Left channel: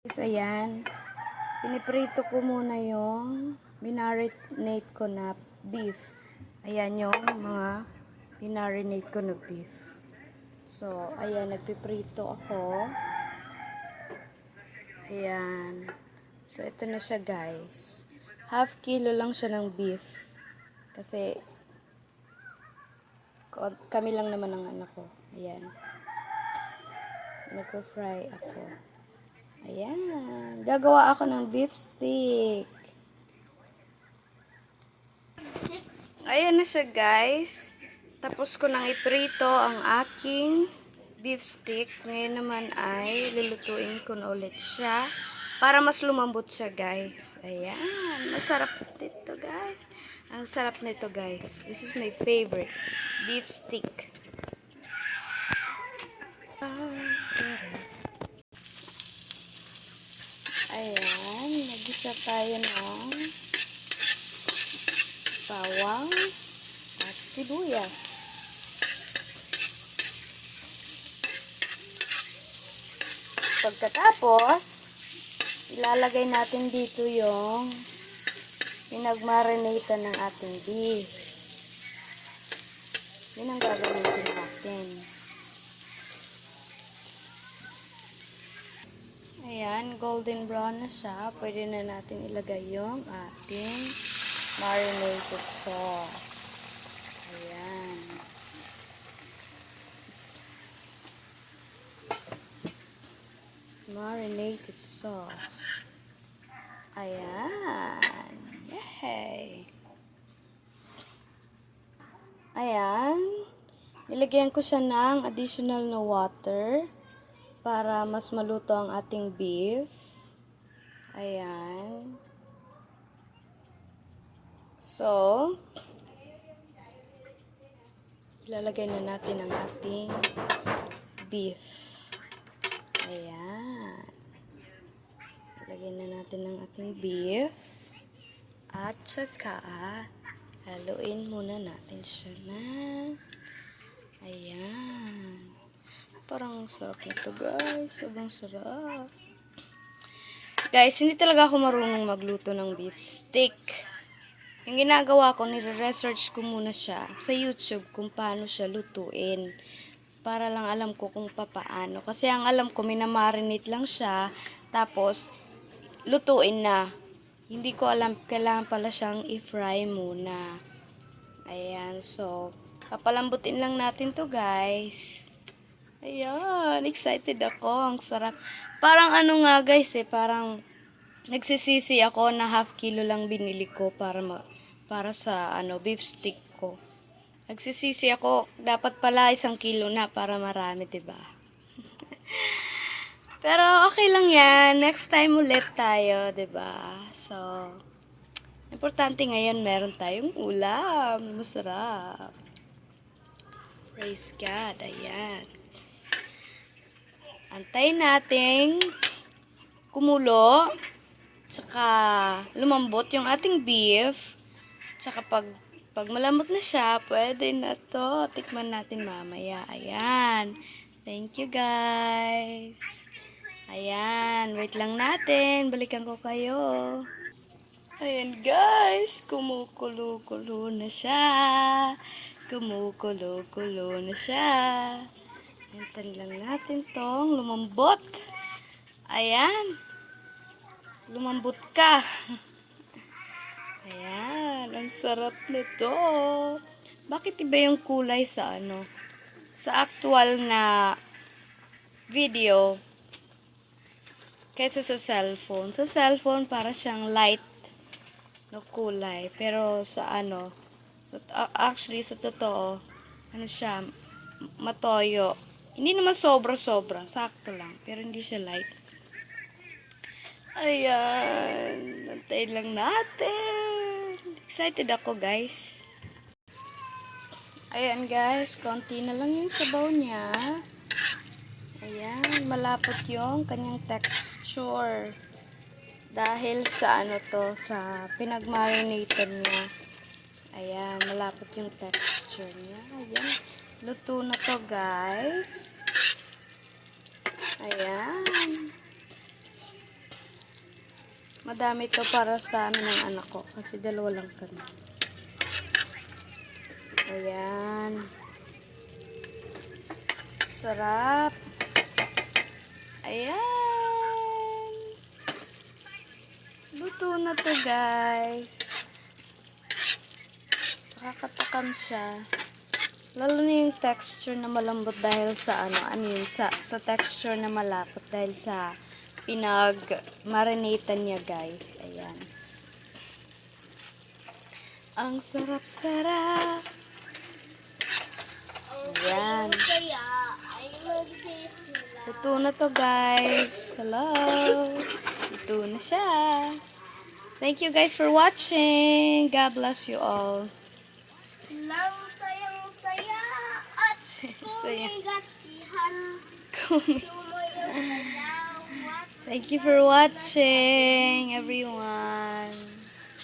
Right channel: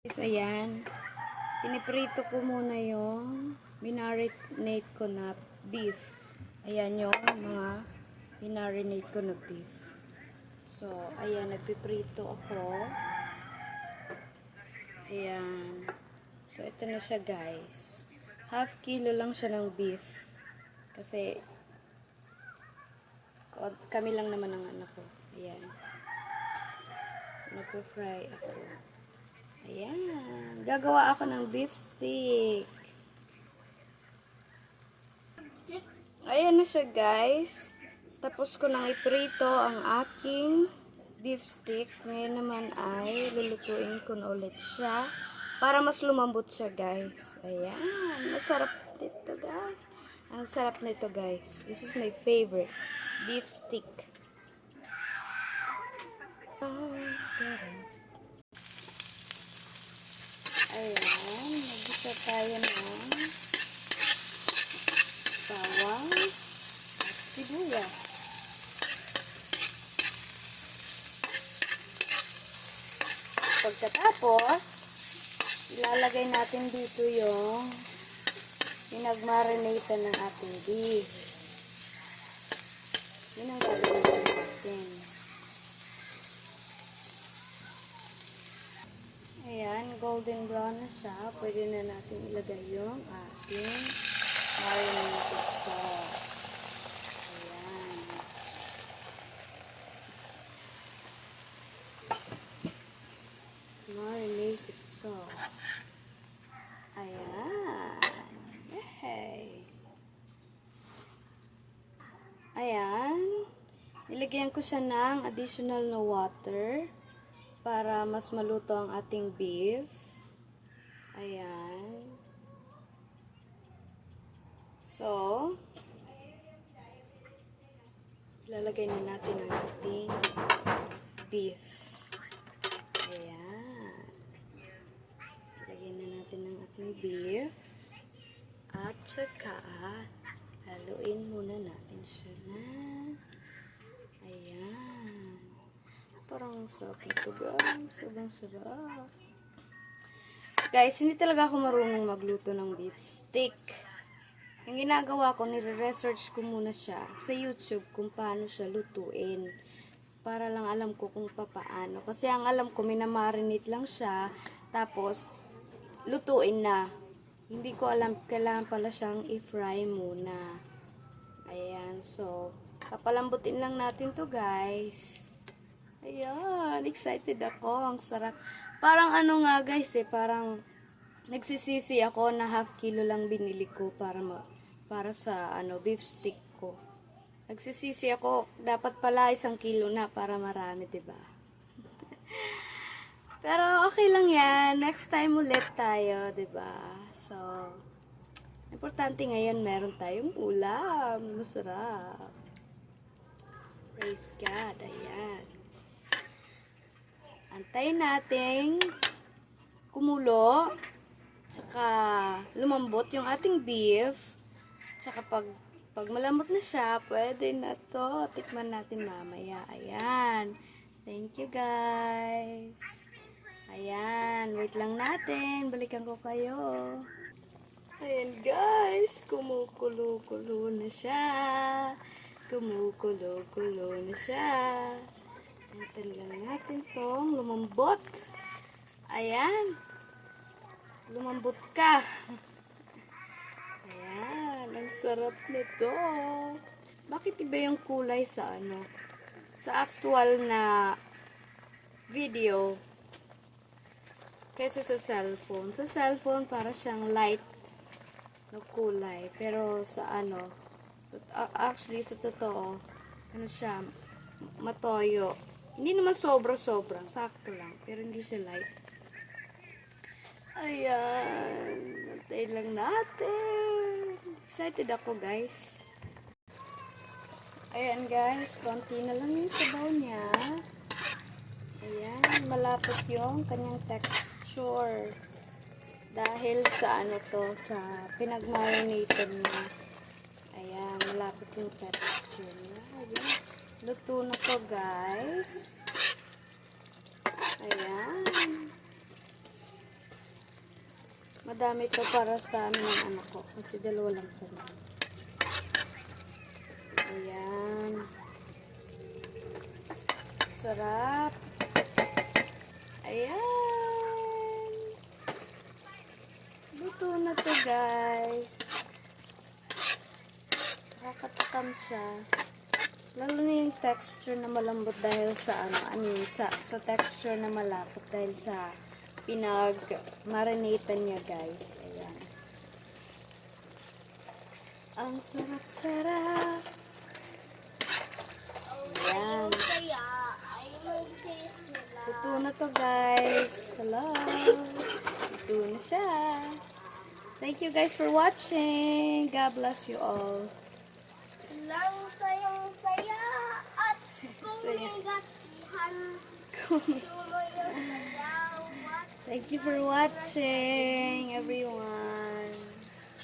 Guys, ayan. Piniprito ko muna yung minarinate ko na beef. Ayan yung mga minarinate ko na beef. So, ayan, nagpiprito ako. Ayan. So, ito na siya, guys. Half kilo lang siya ng beef. Kasi, kami lang naman ang anak ko. Ayan. Nagpo-fry ako. Ayan. Gagawa ako ng beef stick. Ayan na siya, guys. Tapos ko nang iprito ang aking beef stick. Ngayon naman ay lulutuin ko na ulit siya para mas lumambot siya, guys. Ayan. Masarap nito, guys. Ang sarap nito, guys. This is my favorite. Beef stick. Sarap. Ayan, nag-isa tayo ng bawang at sibuyas. Pagkatapos, ilalagay natin dito yung pinagmarinate ng ating beef. Yun ang gagawin natin. Ayan, golden brown na siya. Pwede na natin ilagay yung ating marinated sauce. Ayan. Marinated sauce. Ayan. Yay! Ayan. Nilagyan ko siya ng additional na water para mas maluto ang ating beef. Ayan. So, ilalagay na natin ang ating beef. Ayan. Ilagay na natin ang ating beef. At saka, haluin muna natin siya na. Ayan. Parang sarap na ito, guys. Sobrang sarap. Guys, hindi talaga ako marunong magluto ng beef stick. Yung ginagawa ko, nire-research ko muna siya sa YouTube kung paano siya lutuin. Para lang alam ko kung paano. Kasi ang alam ko, minamarinate lang siya. Tapos, lutuin na. Hindi ko alam, kailangan pala siyang i-fry muna. Ayan, so, papalambutin lang natin to, guys. Ayan, excited ako. Ang sarap. Parang ano nga, guys, parang nagsisisi ako na half kilo lang binili ko para sa beef stick ko. Nagsisisi ako, dapat pala 1 kilo na para marami, 'di ba? Pero okay lang 'yan. Next time ulit tayo, 'di ba? So, importante ngayon meron tayong ulam. Masarap. Praise God. Ayan. Antayin nating kumulo, tsaka lumambot yung ating beef, tsaka pag malambot na siya, pwede na to. Tikman natin mamaya. Ayan. Thank you, guys. Ayan. Wait lang natin. Balikan ko kayo. Ayan, guys. Kumukulo-kulo na siya. Kumukulo-kulo na siya. Hintayin lang natin tong lumambot. Ayan. Lumambot ka. Ayan. Ang sarap nito. Bakit iba yung kulay sa sa actual na video kaysa sa cellphone? Sa cellphone para siyang light na kulay. Pero sa actually sa totoo, siya, matoyo. Hindi naman sobra-sobra. Sakto lang. Pero hindi siya light. Ayan. Antayin lang natin. Excited ako, guys. Ayan, guys. Konti na lang yung sabaw niya. Ayan. Malapot yung kanyang texture. Dahil sa sa pinagmarinated niya. Ayan. Malapot yung texture niya. Ayan. Luto na to, guys. Ayan. Madami to para sa ano ng anak ko. Kasi dalawa lang kami. Ayan. Sarap. Ayan. Luto na to, guys. Nakakatakam siya. Lalo na yung texture na malambot dahil sa ano yun, sa texture na malapot dahil sa pinag-marinatan niya, guys. Ayan. Ang sarap-sarap. Ayan. Luto na to, guys. Hello. Luto na siya. Thank you, guys, for watching. God bless you all. Lang sayang-saya at Saya. kumigatihan. Thank you for watching, everyone.